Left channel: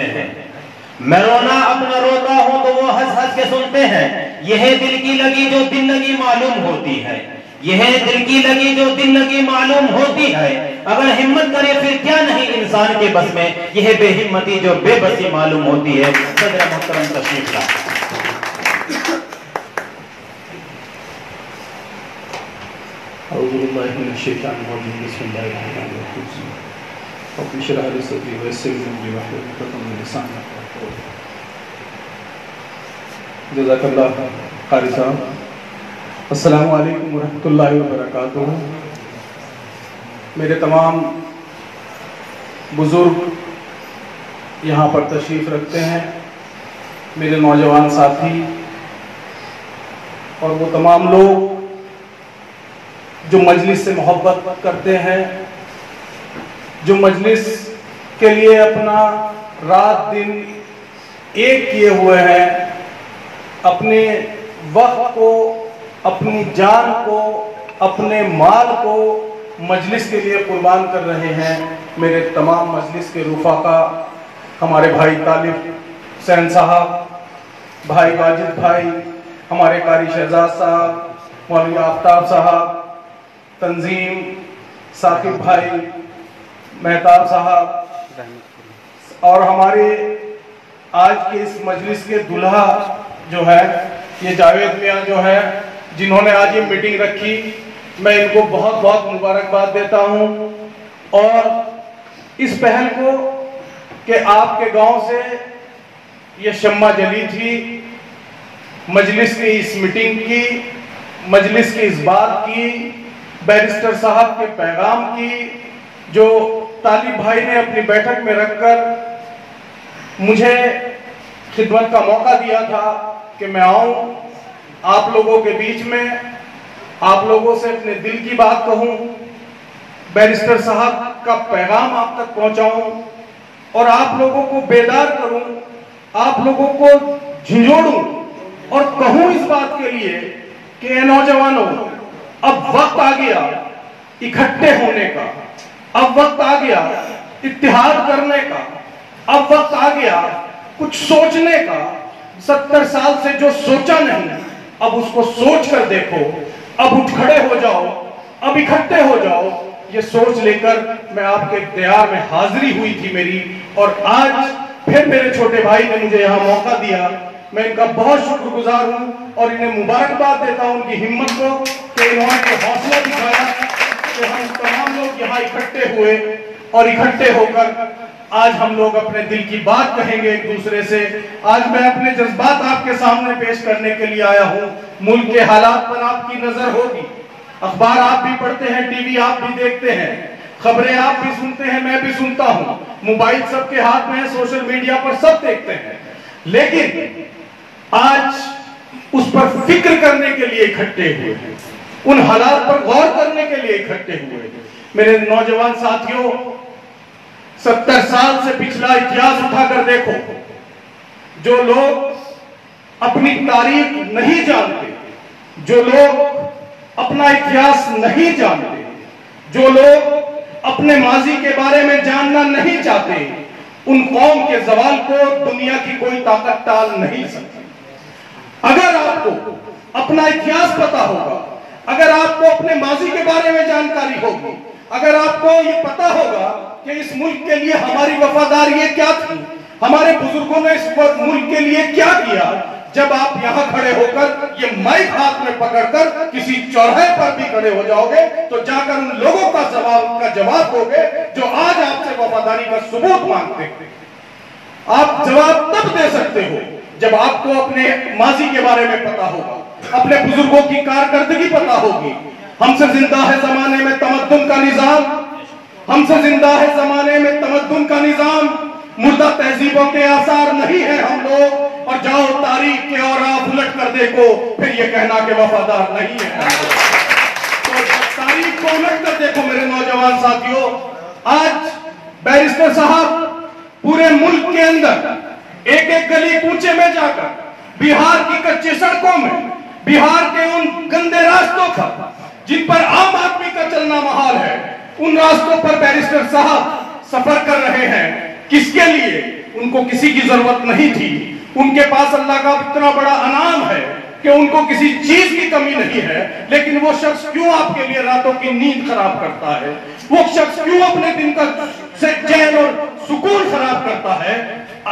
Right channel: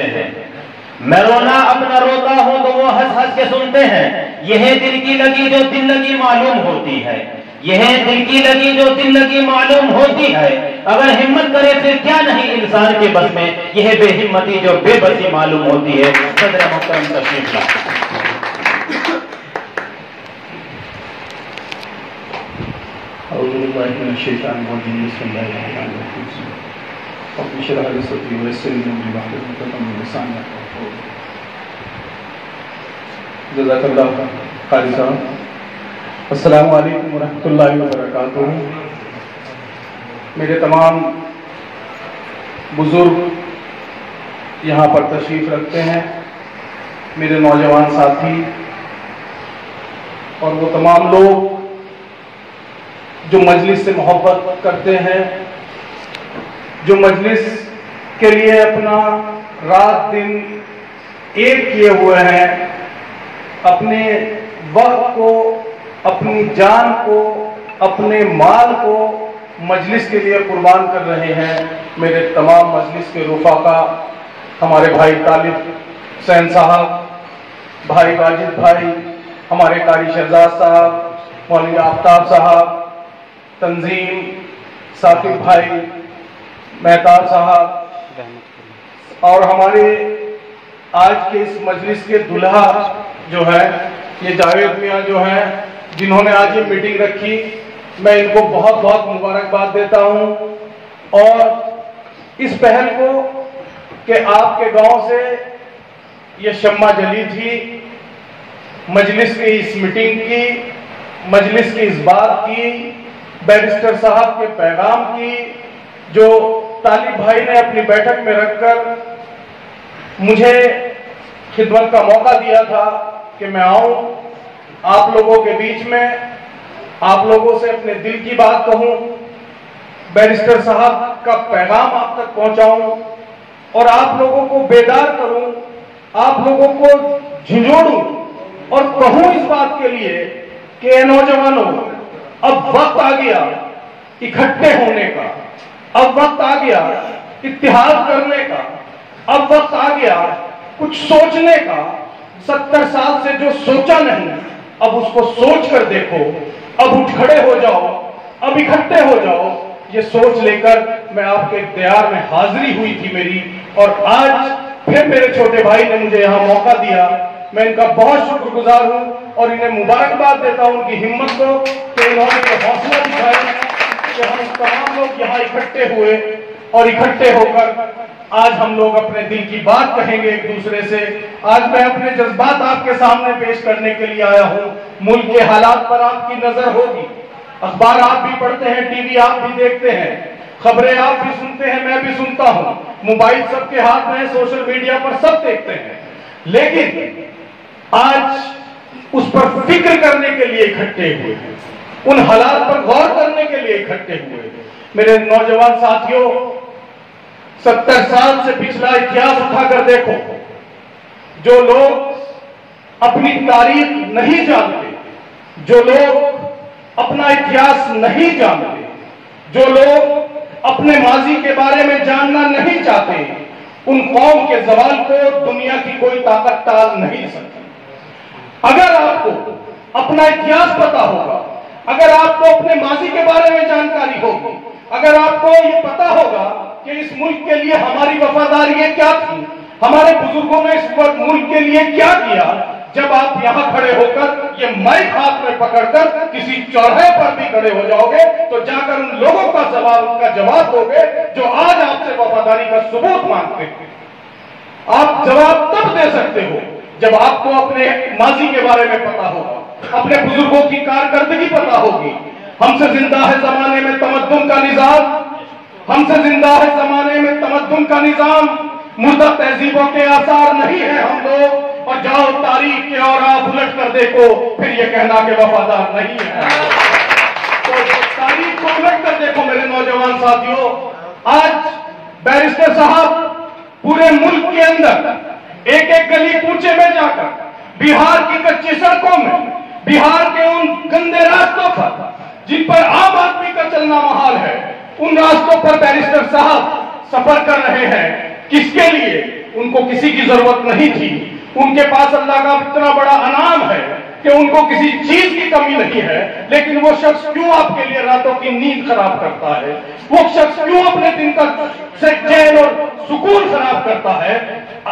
हैं। मैं रोना अपना रोता हूं तो वो हंस हंस के सुनते हैं। यह दिल की लगी जो दिल लगी मालूम होती है, यह दिल की लगी जो दिल लगी मालूम होती है। अगर हिम्मत करे फिर क्या नहीं इंसान के बस में, यह बेहिम्मती जो बेबसी मालूम होती है। सदर मुहतरम तशरीफ लाए। अस्सलामु अलैकुम वरहमतुल्लाहि वबरकातुहू। मेरे तमाम बुजुर्ग यहाँ पर तशरीफ रखते हैं, मेरे नौजवान साथी और वो तमाम लोग जो मजलिस से मोहब्बत करते हैं, जो मजलिस के लिए अपना रात दिन एक किए हुए हैं, अपने वक्त को, अपनी जान को, अपने माल को मजलिस के लिए कुर्बान कर रहे हैं। मेरे तमाम मजलिस के रुफाका, हमारे भाई तालिब हुसैन साहब, भाई वाजिद भाई, हमारे कारी शहजाद साहब, मौलवी आफ्ताब साहब, तंजीम साकिब भाई, मेहताब साहब और हमारे आज के इस मजलिस के दुल्हा जो है ये जावेद मियाँ जो है, जिन्होंने आज ये मीटिंग रखी, मैं इनको बहुत बहुत मुबारकबाद देता हूँ। और इस पहल को कि आपके गांव से ये शम्मा जली थी, मजलिस की इस मीटिंग की, मजलिस की इस बात की, बैरिस्टर साहब के पैगाम की, जो तालिब भाई ने अपनी बैठक में रखकर मुझे खिदमत का मौका दिया था कि मैं आऊं आप लोगों के बीच में, आप लोगों से अपने दिल की बात कहूं, बैरिस्टर साहब का पैगाम आप तक पहुंचाऊं और आप लोगों को बेदार करूं, आप लोगों को झिझोड़ूं और कहूं इस बात के लिए कि नौजवानों, अब वक्त आ गया इकट्ठे होने का, अब वक्त आ गया इत्तिहाद करने का, अब वक्त आ गया कुछ सोचने का। 70 साल से जो सोचा नहीं, अब उसको सोच कर देखो, अब उठ खड़े हो जाओ, अब इकट्ठे हो जाओ। ये सोच लेकर मैं आपके इख्तियार में हाजिरी हुई थी मेरी, और आज फिर मेरे छोटे भाई ने मुझे यहाँ मौका दिया। मैं इनका बहुत शुक्रगुजार हूँ और इन्हें मुबारकबाद देता हूँ उनकी हिम्मत को कि इन्होंने हौसला दिखाया कि हम तमाम लोग यहाँ इकट्ठे हुए और इकट्ठे होकर आज हम लोग अपने दिल की बात कहेंगे एक दूसरे से। आज मैं अपने जज्बात आपके सामने पेश करने के लिए आया हूँ। मुल्क के हालात पर आपकी नजर होगी, अखबार आप भी पढ़ते हैं, टीवी आप भी देखते हैं, खबरें आप भी सुनते हैं, मैं भी सुनता हूँ, मोबाइल सबके हाथ में है, सोशल मीडिया पर सब देखते हैं। लेकिन आज उस पर फिक्र करने के लिए इकट्ठे हुए हैं, उन हालात पर गौर करने के लिए इकट्ठे हुए हैं। मेरे नौजवान साथियों, 70 साल से पिछला इतिहास उठाकर देखो। जो लोग अपनी तारीख नहीं जानते, जो लोग अपना इतिहास नहीं जानते, जो लोग अपने माजी के बारे में जानना नहीं चाहते, उन कौम के जवाल को दुनिया की कोई ताकत टाल नहीं सकती। अगर आपको अपना इतिहास पता होगा, अगर आपको अपने माजी के बारे में जानकारी होगी, अगर आपको ये पता होगा कि इस मुल्क के लिए हमारी वफादारी क्या थी, हमारे बुजुर्गों ने इस मुल्क के लिए क्या किया, जब आप यहाँ खड़े होकर ये माइक हाथ में पकड़कर किसी चौराहे पर भी खड़े हो जाओगे तो जाकर उन लोगों का जवाब दोगे जो आज आपसे वफादारी का सबूत मांगते हैं। आप जवाब तब दे सकते हो जब आपको अपने माजी के बारे में पता होगा, अपने बुजुर्गों की कारकर्दगी पता होगी। हमसे जिंदा है जमाने में तमद्दुन का निजाम, हमसे जिंदा है जमाने में तमद्दुन का निजाम, मुर्दा तहजीबों के आसार नहीं है हम लोग। और जाओ तारीख के और आप उलट कर देखो, फिर ये कहना कि वफादार नहीं है। तो तारीख को उलट कर देखो मेरे नौजवान साथियों। आज बैरिस्टर साहब पूरे मुल्क के अंदर एक एक गली कूचे में जाकर, बिहार की कच्ची सड़कों में, बिहार के उन गंदे रास्तों पर जिन पर आम आदमी का चलना महाल है, उन रास्तों पर बैरिस्टर साहब सफर कर रहे हैं। किसके लिए? उनको किसी की जरूरत नहीं थी। उनके पास अल्लाह का इतना बड़ा अनाम है कि उनको किसी चीज की कमी नहीं है, लेकिन वो शख्स क्यों आपके लिए रातों की नींद खराब करता है? वो शख्स क्यों अपने दिन का चैन और सुकून खराब करता है?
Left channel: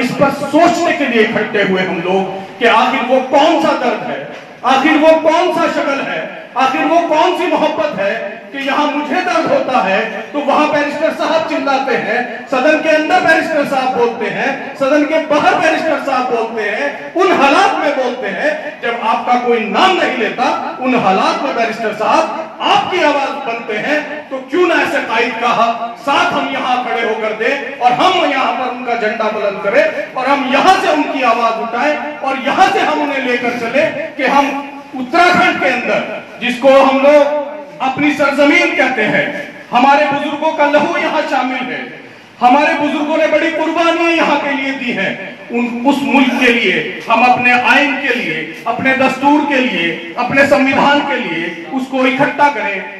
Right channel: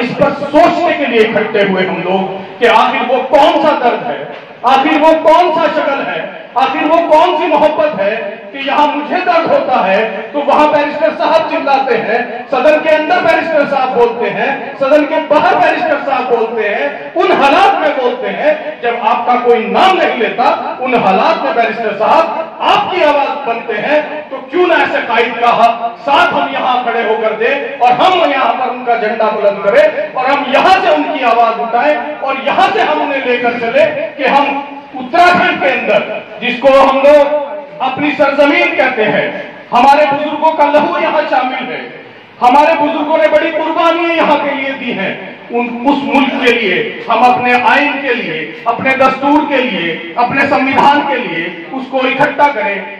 इस पर सोचने के लिए इकट्ठे हुए हम लोग कि आखिर वो कौन सा दर्द है, आखिर वो कौन सा शक्ल है, आखिर वो कौन सी मोहब्बत है कि यहाँ मुझे दर्द होता है तो वहां बैरिस्टर साहब चिल्लाते हैं, सदन के अंदर बैरिस्टर साहब बोलते हैं, सदन के बाहर बैरिस्टर साहब बोलते हैं, उन हालात में बोलते हैं जब आपका कोई नाम नहीं लेता, उन हालात में बैरिस्टर साहब आपकी आवाज बनते हैं। तो क्यों ना ऐसे कायद का साथ हम यहाँ खड़े होकर दे और हम यहाँ पर उनका झंडा बुलंद करें और हम यहाँ से उनकी आवाज उठाएं और यहाँ से हम उन्हें लेकर चले कि हम उत्तराखंड के अंदर, जिसको हम लोग अपनी सरजमीन कहते हैं, हमारे बुजुर्गों का लहू यहाँ शामिल है, हमारे बुजुर्गों ने बड़ी कुर्बानियां यहाँ के लिए दी हैं, उस मुल्क के लिए हम अपने आइन के लिए, अपने दस्तूर के लिए, अपने संविधान के लिए उसको इकट्ठा करें।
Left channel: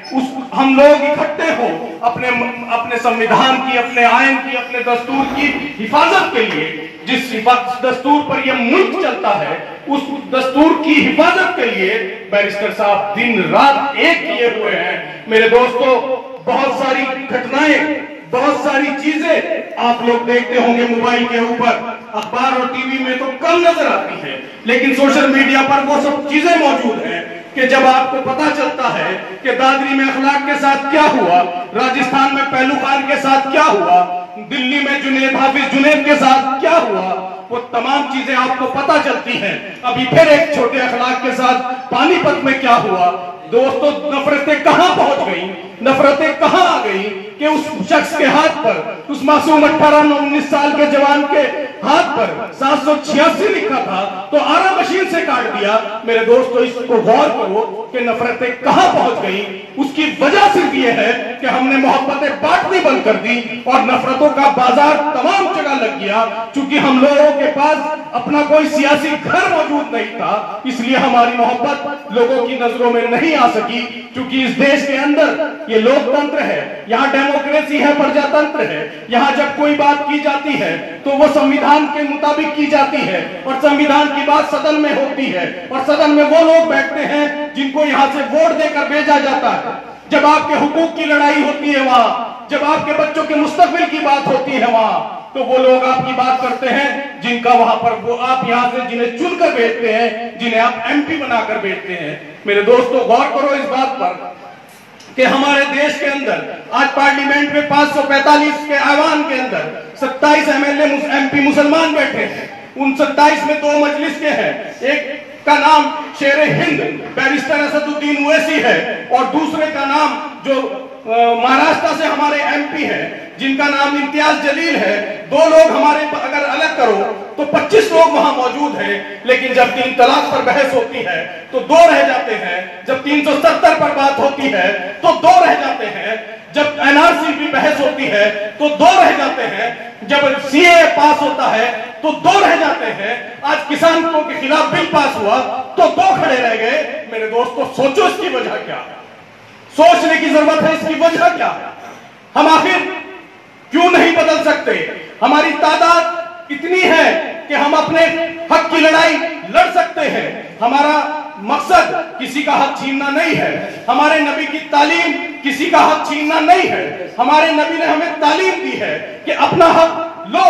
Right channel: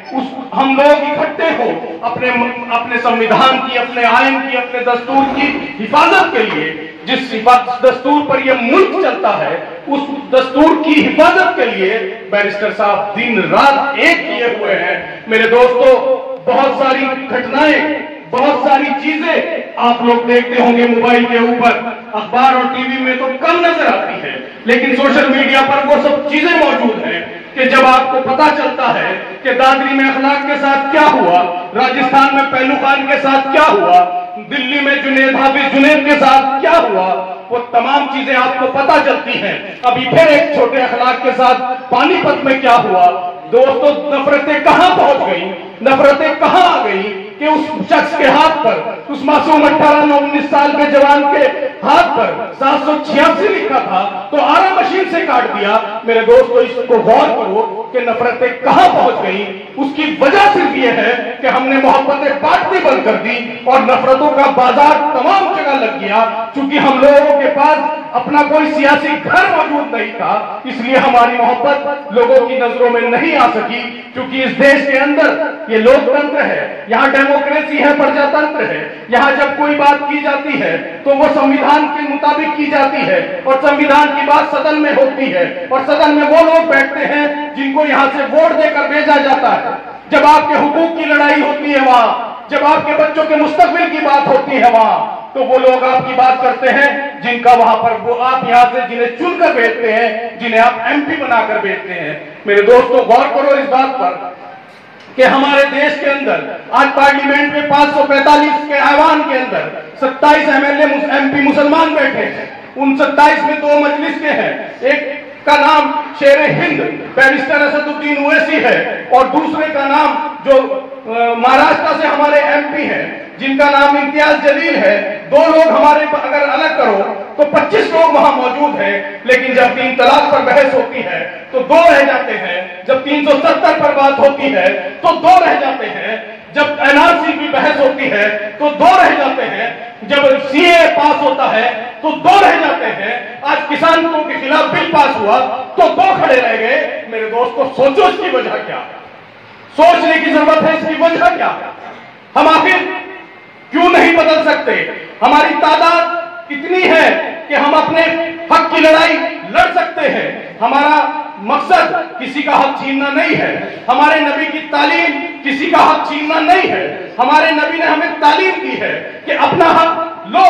हम लोग इकट्ठे हो अपने संविधान की, अपने आइन की, अपने दस्तूर की हिफाजत के लिए। जिस दस्तूर पर यह मुल्क चलता है, उस दस्तूर की हिफाजत के लिए बैरिस्टर साहब दिन रात एक किए हुए हैं। मेरे दोस्तों, बहुत सारी घटनाएं, बहुत सारी चीजें आप लोग देखते होंगे मोबाइल के ऊपर, अखबार और टीवी में तो कम नजर आती है, लेकिन सोशल मीडिया पर वो सब चीजें मौजूद हैं कि जब आपको पता चलता है कि दादरी में अखलाक के साथ क्या हुआ, राजस्थान में पहलू खान के साथ क्या हुआ, दिल्ली में जुनेद हाफिज जुनेद के साथ क्या हुआ, वो तमाम चीजें आपको पता चलती हैं। अभी फिर एक छोटे अखलाक के साथ पानीपत में क्या हुआ। दोस्तों, नफरतें कहां पहुंच गई, नफरतें कहां आ गई कि उस शख्स के हाथ पर, उस मासूम 18-19 साल के जवान के हाथ पर 786 लिखा था तो आरा मशीन से काट दिया। मेरे दोस्तों, इसको गौर करो कि नफरतें कहां पहुंच गई। उसकी वजह सिर्फ ये है कि हमने मोहब्बतें बांटनी बंद कर दी और नफरतों का बाजार तमाम जगह लग गया। चूंकि हम लोगों के पास अपना कोई सियासी घर मौजूद नहीं था, इसलिए हमारी मोहब्बत लोगों की नजरों में नहीं आ सकी। क्योंकि इस देश के अंदर ये लोकतंत्र है, यहाँ डेमोक्रेसी है, प्रजातंत्र है। यहाँ जब कोई बात की जाती है तो वो संविधान के मुताबिक की जाती है और संविधान की बात सदन में होती है और सदन में वो लोग बैठते हैं जिनको यहाँ से वोट देकर भेजा जाता है। जब आपके हुकूक की लड़ाई होती है वहां, जब आपके बच्चों के मुस्तकबिल की बात होती है वहां, तो वो लोग आपकी बात करते हैं जिनका वहां पर वो आप यहां से जिन्हें चुनकर भेजते हैं, जिन्हें आप एमपी बनाकर भेजते हैं। मेरे दोस्तों, गौर करो इस बात पर कि हमारे देश के अंदर आज पार्लियामेंट में 545 के ऐवान के अंदर 27 एमएलए एमपी मुसलमान बैठे हैं। उन 27 में 2 मजलिस के हैं। एक का नाम शेर हिंद बैरिस्टर असदुद्दीन ओवैसी है और दूसरे का नाम जो महाराष्ट्र से हमारे एमपी हैं जिनका नाम इम्तियाज जलील है। 2 लोग हमारे, अगर अलग करो तो 25 लोग वहां मौजूद हैं। लेकिन जब 3 तलाक पर बहस होती है तो 2 रह जाते हैं। जब 370 पर बात होती है तो 2 रह जाते हैं। जब एनआरसी की बहस होती है तो 2 रह जाते हैं। जब सीए पास होता है तो 2 रह जाते हैं। आज किसानों के खिलाफ बिल पास हुआ तो 2 खड़े रह गए। मेरे दोस्तों, सोचो इसकी वजह क्या, सोचने की जरूरत है। इसकी वजह क्या, हम आखिर क्यों नहीं बदल सकते? हमारी तादाद इतनी है कि हम अपने हक की लड़ाई लड़ सकते हैं। हमारा मकसद किसी का हक छीनना नहीं है। हमारे नबी की तालीम किसी का हक छीनना नहीं है। हमारे नबी ने हमें तालीम दी है कि अपना हक लो,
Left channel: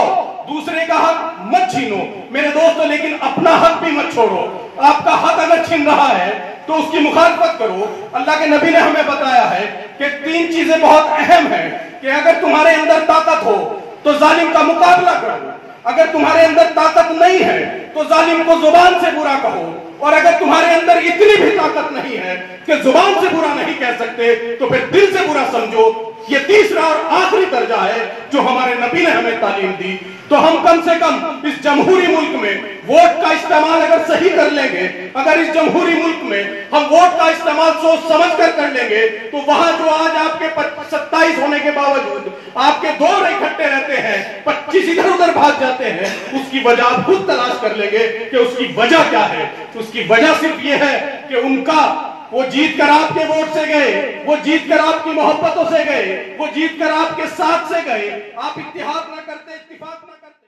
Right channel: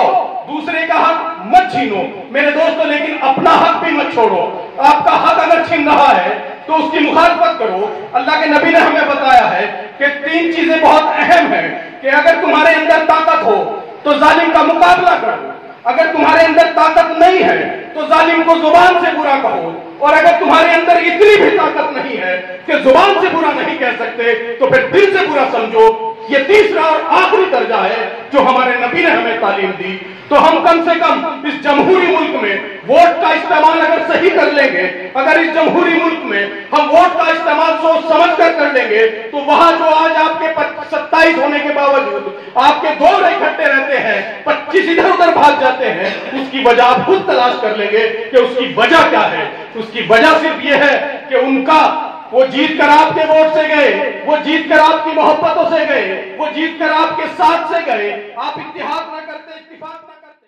दूसरे का हक मत छीनो। मेरे दोस्तों, लेकिन अपना हक भी मत छोड़ो। आपका हक अगर छीन रहा है तो उसकी मुखालफत करो। अल्लाह के नबी ने हमें बताया है कि 3 चीजें बहुत अहम हैं कि अगर तुम्हारे अंदर ताकत हो तो जालिम का मुकाबला करो, अगर तुम्हारे अंदर ताकत नहीं है तो जालिम को जुबान से बुरा कहो, और अगर तुम्हारे अंदर इतनी भी ताकत नहीं है कि जुबान से बुरा नहीं कह सकते तो फिर दिल से बुरा समझो। ये तीसरा और आखिरी दर्जा है जो हमारे नबी ने हमें तालीम दी। तो हम कम से कम इस जमहूरी मुल्क में वोट का इस्तेमाल अगर सही कर लेंगे, अगर इस जमहूरी मुल्क में हम वोट का इस्तेमाल सोच समझ कर लेंगे, तो वहां जो आज आपके 27 होने के बावजूद आपके 2 इकट्ठे रहते हैं, 25 इधर उधर भाग जाते हैं, उसकी वजह आप खुद तलाश कर लेंगे कि उसकी वजह क्या है। उसकी वजह सिर्फ ये है कि उनका वो जीत कर आपके वोट से गए, वो जीत कर आपकी मोहब्बतों से गए, वो जीत कर आपके साथ से गए। आप इत्तेहाद ना करते, इत्तिफाक ना करते।